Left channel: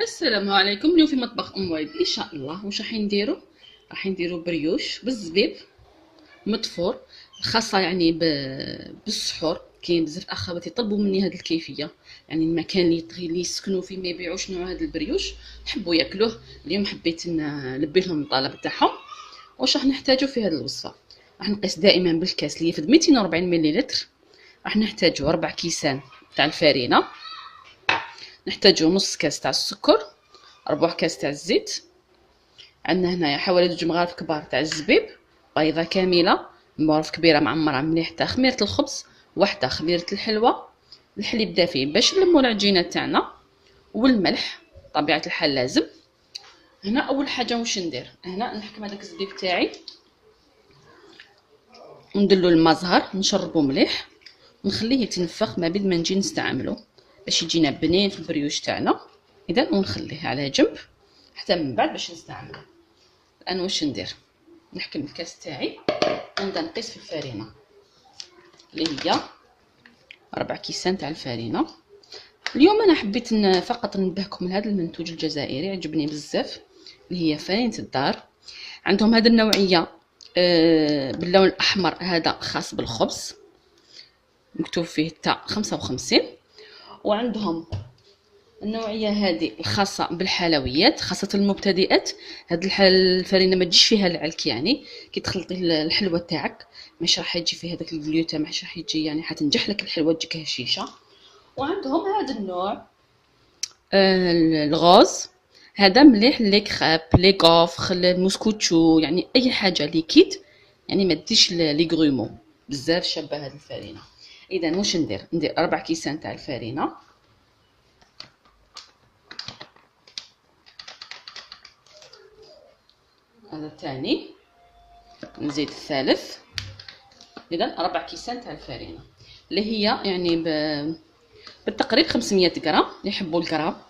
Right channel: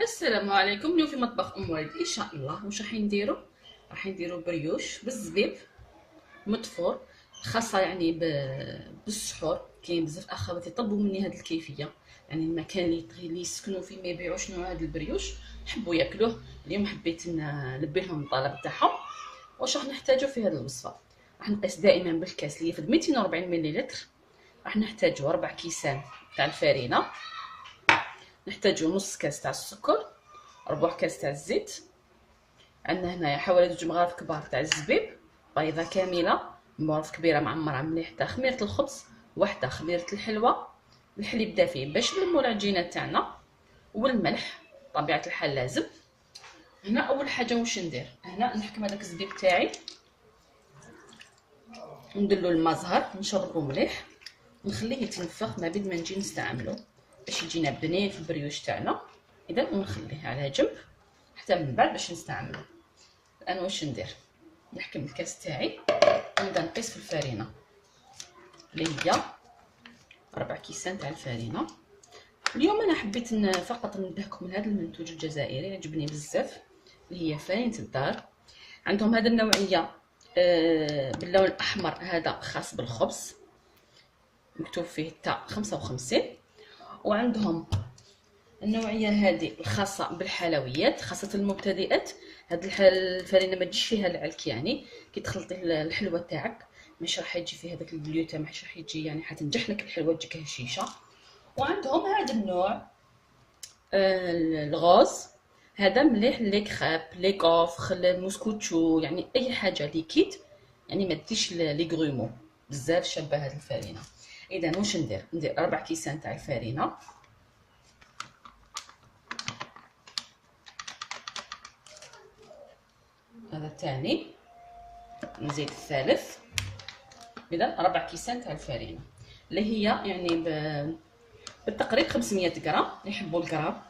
السلام عليكم. اليوم في مطبخ ام وائل ان شاء الله. واش راح نديرو بريوش بالزبيب مطفور، خاصه يعني بالسحور. كاين بزاف اخواتي طلبوا مني هذه الكيفيه، يعني المكان اللي يسكنوا فيه ما يبيعوش نوع هذا البريوش، حبوا ياكلوه. اليوم حبيت نلبي لهم الطلب تاعهم. واش راح نحتاجو في هذه الوصفه؟ راح نقيس دائما بالكاس اللي يفد 240 مليلتر. راح نحتاجو 4 كيسان تاع الفرينه، نحتاجو نص كاس تاع السكر، ربع كاس تاع الزيت، عندنا هنايا حوالي 2 مغارف كبار تاع الزبيب، بيضه كامله، مغرف كبيره معمره مليح تاع خميره الخبز، واحده خميره الحلوه، الحليب دافي باش نلمو العجينه تاعنا، والملح طبيعه الحال لازم. هنا اول حاجه واش ندير؟ هنا نحكم هذاك الزبيب تاعي، نديرلو الماء زهر، نشربو مليح، نخليه يتنفخ ما بين ما نجي نستعملو باش يجينا بنين في البريوش تاعنا. اذا ونخليه على جنب حتى من بعد باش نستعملو. الان واش ندير؟ نحكم الكاس تاعي ونبدا نقيس في الفرينه اللي هي 4 كيسان تاع الفرينه. اليوم انا حبيت فقط ننبهكم لهذا المنتوج الجزائري، عجبني بزاف، اللي هي فرينه الدار. عندهم هذه النوعيه باللون الاحمر، هذا خاص بالخبز، مكتوب فيه تاع 55. وعندهم النوعيه هذه الخاصه بالحلويات، خاصه المبتدئات. هاد الفرينه ما تجيش فيها العلك، يعني كي تخلطي الحلوه تاعك مش راح يجي فيه هذاك الجلوتين، مش راح يجي، يعني حتنجح لك الحلوه تجيك هشيشه. وعندهم هذا النوع الغوز، هذا مليح لي كريب لي كوفخ الموسكوتشو، يعني اي حاجه ليكيد، يعني ما تديش لي غرومو، بزاف شابه هذه الفرينه. اذا واش ندير 4 كيسان تاع الفرينه، هذا الثاني، نزيد الثالث. اذا 4 كيسان تاع الفرينه اللي هي يعني بالتقريب 500 غرام، يحبوا الغرام.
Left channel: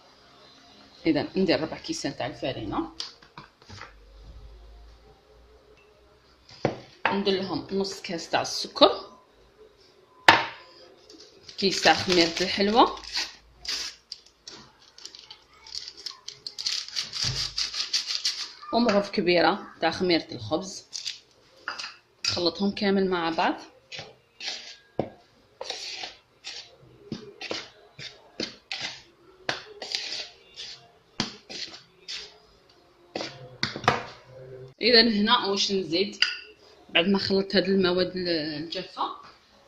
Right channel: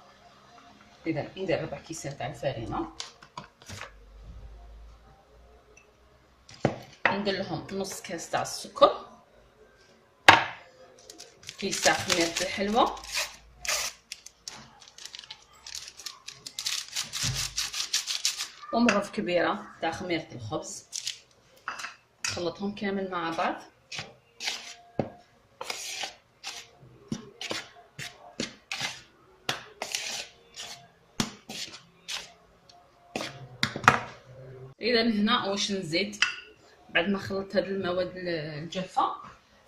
اذا ندير 4 كيسان تاع الفرينه، ندير لهم نص كاس تاع السكر، كيس تاع خميره الحلوه، ومغرف كبيره تاع خميره الخبز. نخلطهم كامل مع بعض. اذا هنا واش نزيد بعد ما خلطت هاد المواد الجافه؟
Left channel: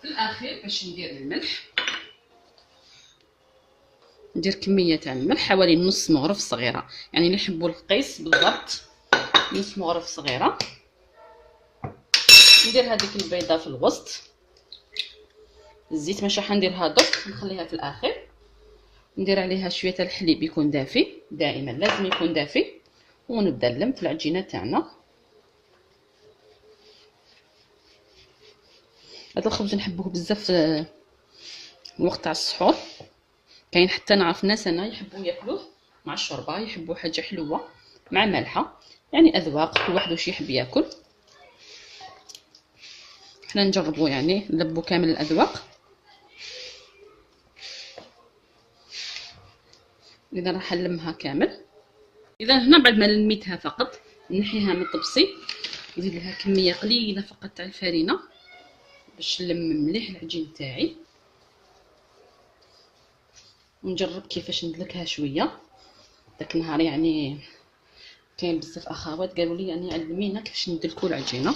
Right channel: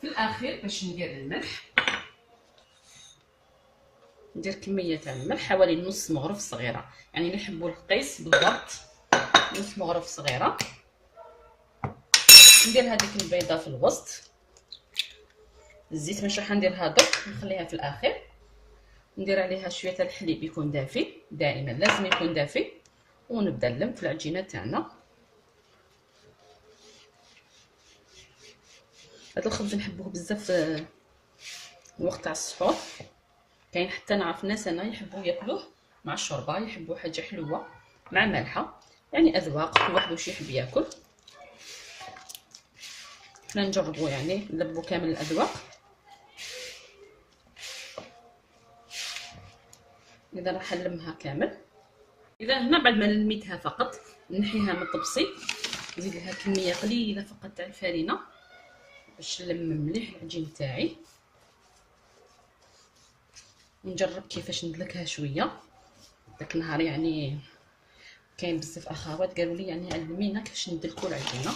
في الاخير باش ندير الملح، ندير كميه تاع الملح حوالي نص مغرف صغيره، يعني اللي يحبوا القيس بالضبط نص مغرف صغيره. ندير هذيك البيضه في الوسط، الزيت مش راح نديرها درك، نخليها في الاخير. ندير عليها شويه تاع الحليب يكون دافي، دائما لازم يكون دافي. ونبدا نلم في العجينه تاعنا. هذا الخبز نحبوه بزاف الوقت تاع السحور. كاين حتى نعرف ناس انا يحبوا ياكلوه مع الشوربه، يحبوا حاجه حلوه مع مالحه، يعني اذواق، كل واحد واش يحب ياكل. حنا نجربوا يعني نلبوا كامل الاذواق. اذا راح نلمها كامل. اذا هنا بعد ما لميتها فقط نحيها من الطبسي، نزيد لها كميه قليله فقط تاع الفرينه باش نلم مليح العجين تاعي. ونجرب كيفاش ندلكها شويه. داك النهار يعني كاين بزاف اخوات قالوا لي يعني علمينا كيفاش ندلكوا العجينه.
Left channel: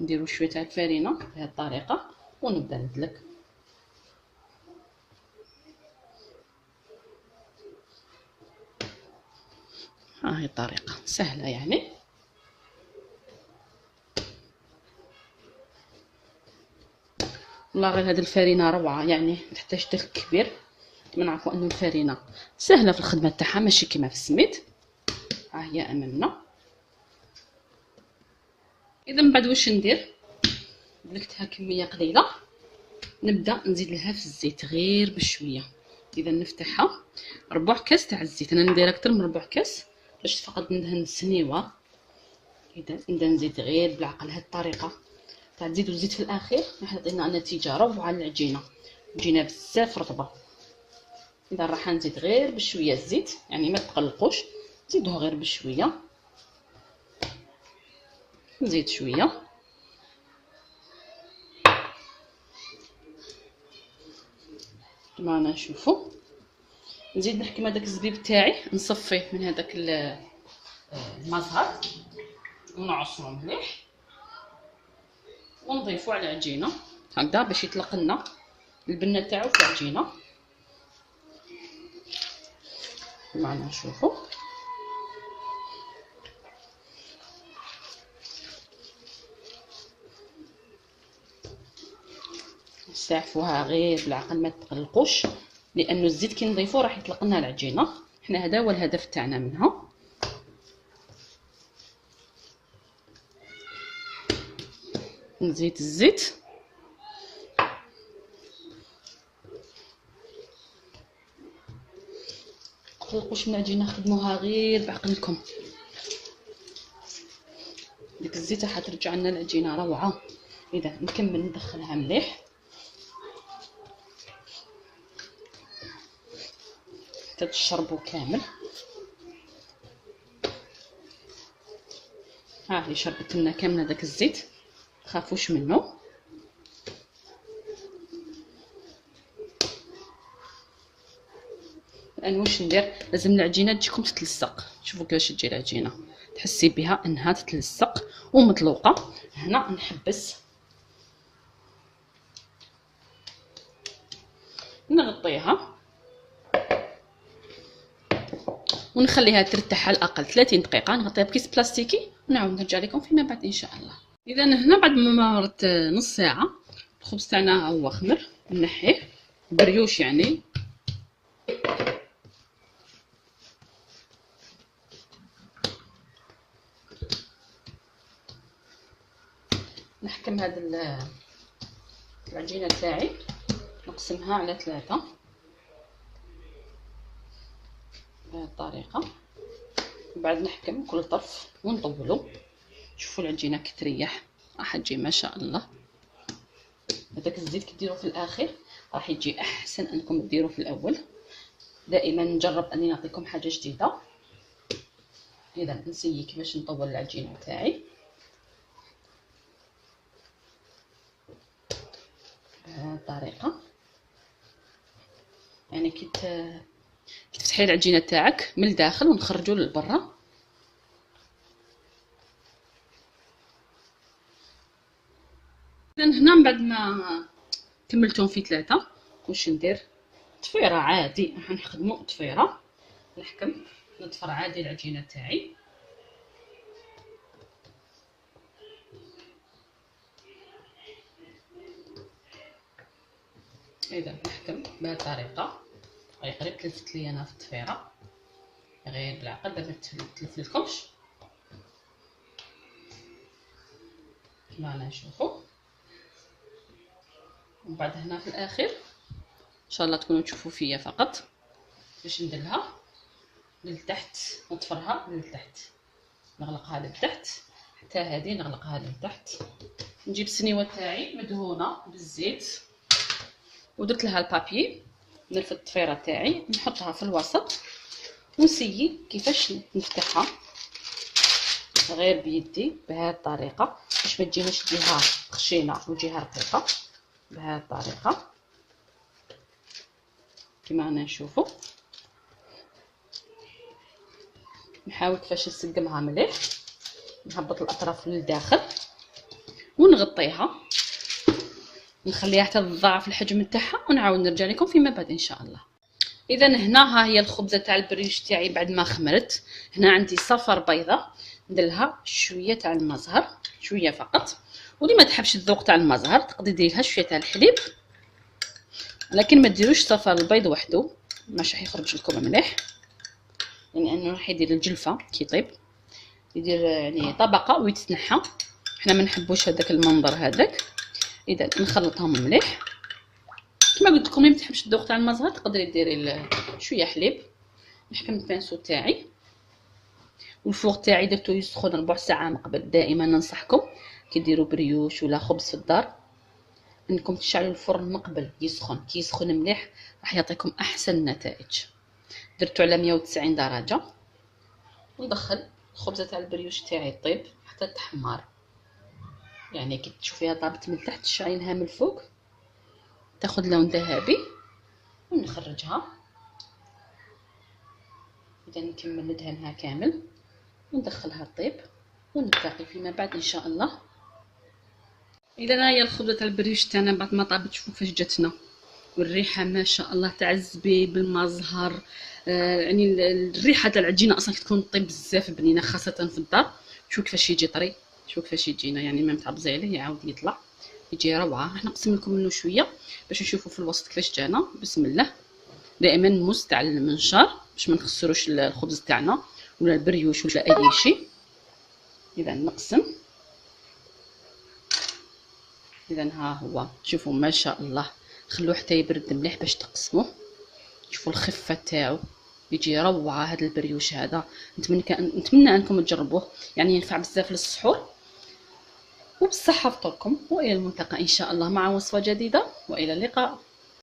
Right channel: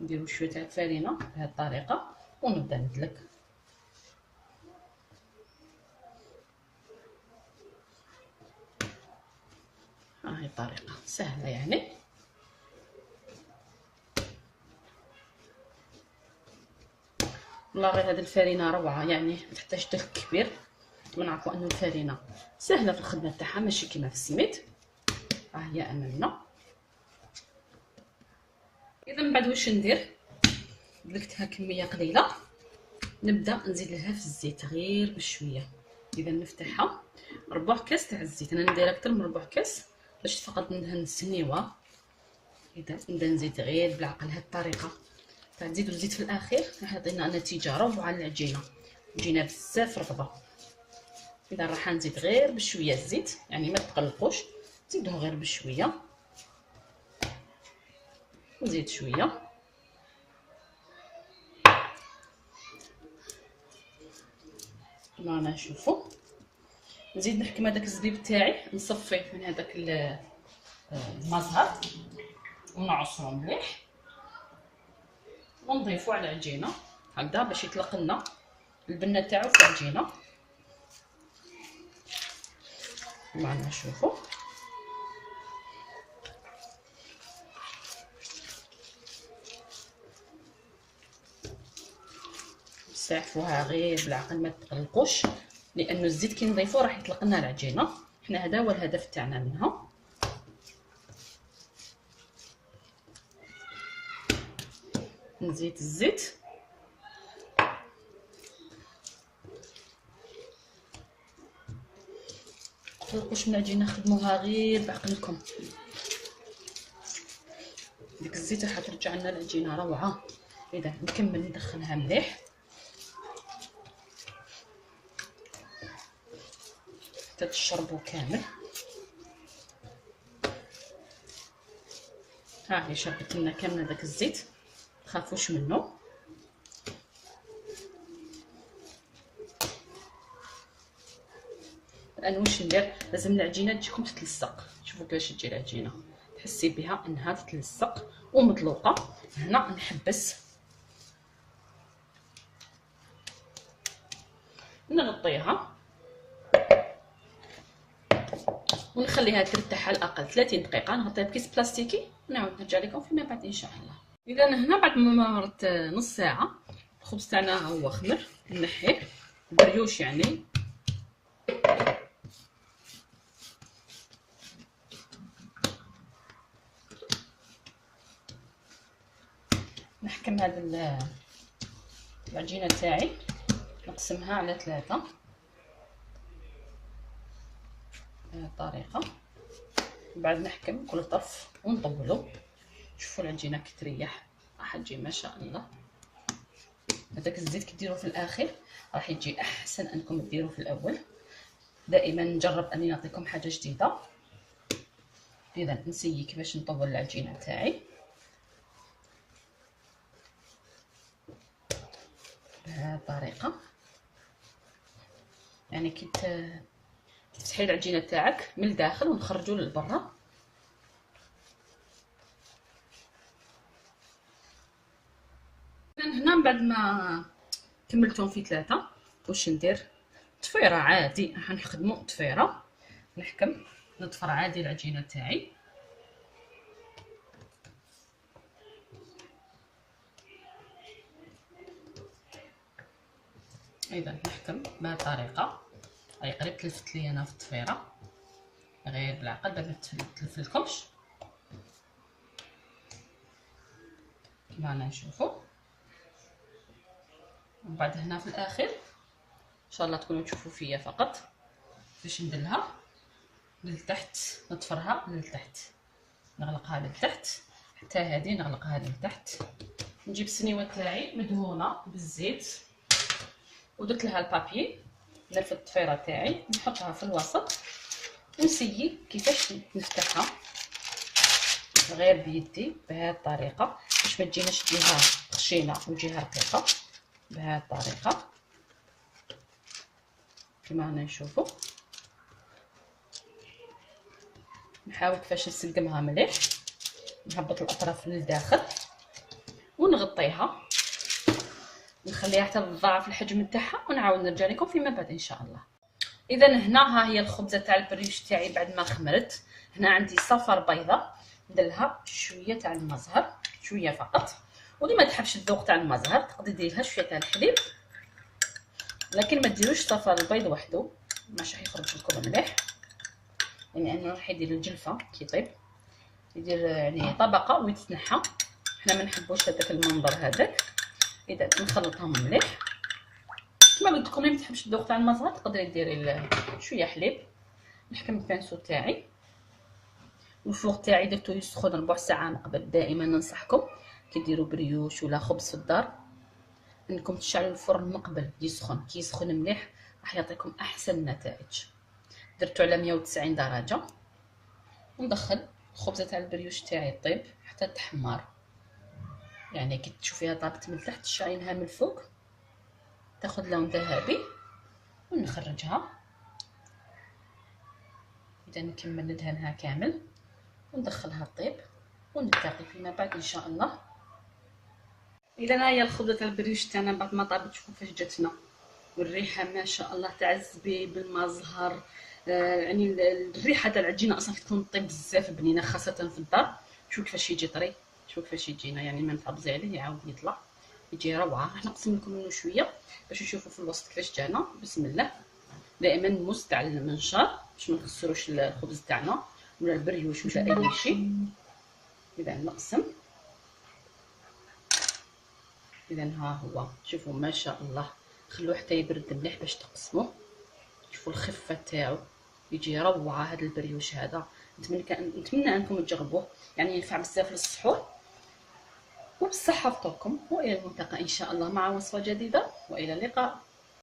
نديروا شويه تاع الفرينه بهذه الطريقه ونبدا ندلك. ها هي الطريقه سهله يعني. والله غير هذه الفرينه روعه، يعني ما تحتاج دلك كبير. ما نعرفوا ان الفرينه سهله في الخدمه تاعها، ماشي كيما في السميد. ها هي امامنا. اذا من بعد واش ندير؟ دلكتها كميه قليله، نبدا نزيد لها في الزيت غير بشويه. اذا نفتحها 4 كاس تاع الزيت، انا ندير اكثر من 4 كاس باش فقط ندهن السنيوه. اذا نبدا نزيد غير بالعقل. هذه الطريقه تاع تزيدوا الزيت في الاخير راح يعطينا نتيجه روعه للعجينه، العجينه بزاف رطبه. اذا راح نزيد غير بشويه الزيت، يعني ما تقلقوش، زيدوه غير بشويه، نزيد شويه. كما رانا نشوفوا نزيد نحكم هذاك الزبيب تاعي، نصفيه من هذاك المزهر ونعصرو مليح ونضيفو على العجينه هكذا باش يطلق لنا البنه تاعو في العجينه. كما رانا نشوفوا نستعفوها غير بالعقل، ما تقلقوش، لانه الزيت كي نضيفوه راح يطلق لنا العجينه. حنا هذا هو الهدف تاعنا منها. نزيد الزيت متقلقوش من العجينه، خدموها غير بعقلكم، ديك الزيت راح ترجع لنا العجينه روعه. اذا نكمل ندخلها مليح حتى تشربوا كامل. ها هي شربت لنا كامل داك الزيت، تخافوش منه. الان واش ندير؟ لازم العجينه تجيكم تتلصق. شوفوا كيفاش تجي العجينه، تحسي بها انها تتلصق ومطلوقه. هنا نحبس نغطيها ونخليها ترتاح على الاقل 30 دقيقه. نغطيها بكيس بلاستيكي ونعاود نرجع لكم فيما بعد ان شاء الله. اذا هنا بعد ما مرت نص ساعه الخبز تاعنا هو خمر، نحيه بريوش يعني. نحكم هذه العجينه تاعي، نقسمها على 3 بهذه الطريقه، وبعد نحكم كل طرف ونطولو. شوفوا العجينه كي تريح راح تجي ما شاء الله. هذاك الزيت كي ديروه في الاخر راح يجي احسن انكم ديروه في الاول. دائما نجرب اني نعطيكم حاجه جديده. اذا نسيي كيفاش نطول العجينه تاعي بهذه الطريقه، يعني كي تفتحي العجينه تاعك من الداخل ونخرجوا للبرا. هنا من بعد ما كملتهم في 3 واش ندير؟ طفيره عادي، راح نخدموا طفيره. نحكم نطفر عادي العجينه تاعي. اذا نحكم بهذه الطريقه. هاي قريب تلفت لي انا في الطفيره، غير بالعقل باش ما تلف لكمش. كما رانا نشوفوا. ومن بعد هنا في الاخر ان شاء الله تكونوا تشوفوا فيا فقط باش نديرها للتحت، نطفرها للتحت، نغلقها للتحت حتى هذه نغلقها للتحت. نجيب السنيوه تاعي مدهونه بالزيت ودرت لها البابي، نرفد الطفيره تاعي نحطها في الوسط ونسيي كيفاش نفتحها غير بيدي بهذه الطريقه باش ما تجيناش جهه خشينه وجهه رقيقه. بهذه الطريقه كما رانا نشوفوا. نحاول كيفاش نسقمها مليح، نهبط الاطراف للداخل ونغطيها، نخليها حتى تضاعف الحجم تاعها ونعاود نرجع لكم فيما بعد ان شاء الله. اذا هنا ها هي الخبزه تاع البريوش تاعي بعد ما خمرت. هنا عندي صفر بيضه، ندير لها شويه تاع المزهر، شويه فقط. واللي ما تحبش الذوق تاع المزهر تقدري ديري لها شويه تاع الحليب، لكن ما ديروش صفر البيض وحده، ماشي راح يخرج لكم مليح، يعني انه راح يدير الجلفه كي يطيب، يدير يعني طبقه ويتنحى. حنا ما نحبوش هذاك المنظر هذاك. اذا نخلطهم مليح. كما قلت لكم اللي ما تحبش الذوق تاع المزهر تقدري ديري شويه حليب. نحكم البانسو تاعي والفوغ تاعي درتو يسخن ربع ساعه من قبل. دائما ننصحكم كي ديروا بريوش ولا خبز في الدار انكم تشعلوا الفرن من قبل يسخن. كي يسخن مليح راح يعطيكم احسن النتائج. درتو على 190 درجه، وندخل الخبزه تاع البريوش تاعي طيب حتى تحمر. يعني كي تشوفيها طابت من تحت تشعلينها من الفوق تاخذ لون ذهبي، ونخرجها. اذا نكمل ندهنها كامل وندخلها طيب، ونتلاقي فيما بعد ان شاء الله. اذا هي الخبزه تاع البريوش تاعنا بعد ما طابت، شوفوا كيفاش جاتنا، والريحه ما شاء الله تاع الزبيب المزهر. يعني الريحه تاع العجينه اصلا تكون طيب بزاف بنينه، خاصه في الدار. شوف كيفاش يجي طري، شوف كيفاش يجينا، يعني ما متعبزي عليه يعاود يطلع، يجي روعه. راح نقسم لكم منه شويه باش نشوفوا في الوسط كيفاش جانا. بسم الله. دائما نمس تاع المنشار باش ما نخسروش الخبز تاعنا ولا البريوش ولا اي شيء. اذا نقسم. اذا ها هو، شوفوا ما شاء الله. خلوه حتى يبرد مليح باش تقسموه. شوفوا الخفه تاعو، يجي روعه هذا البريوش هذا. نتمنى انكم تجربوه، يعني ينفع بزاف للسحور. وبالصحه فطوركم، والى الملتقى ان شاء الله مع وصفه جديده، والى اللقاء.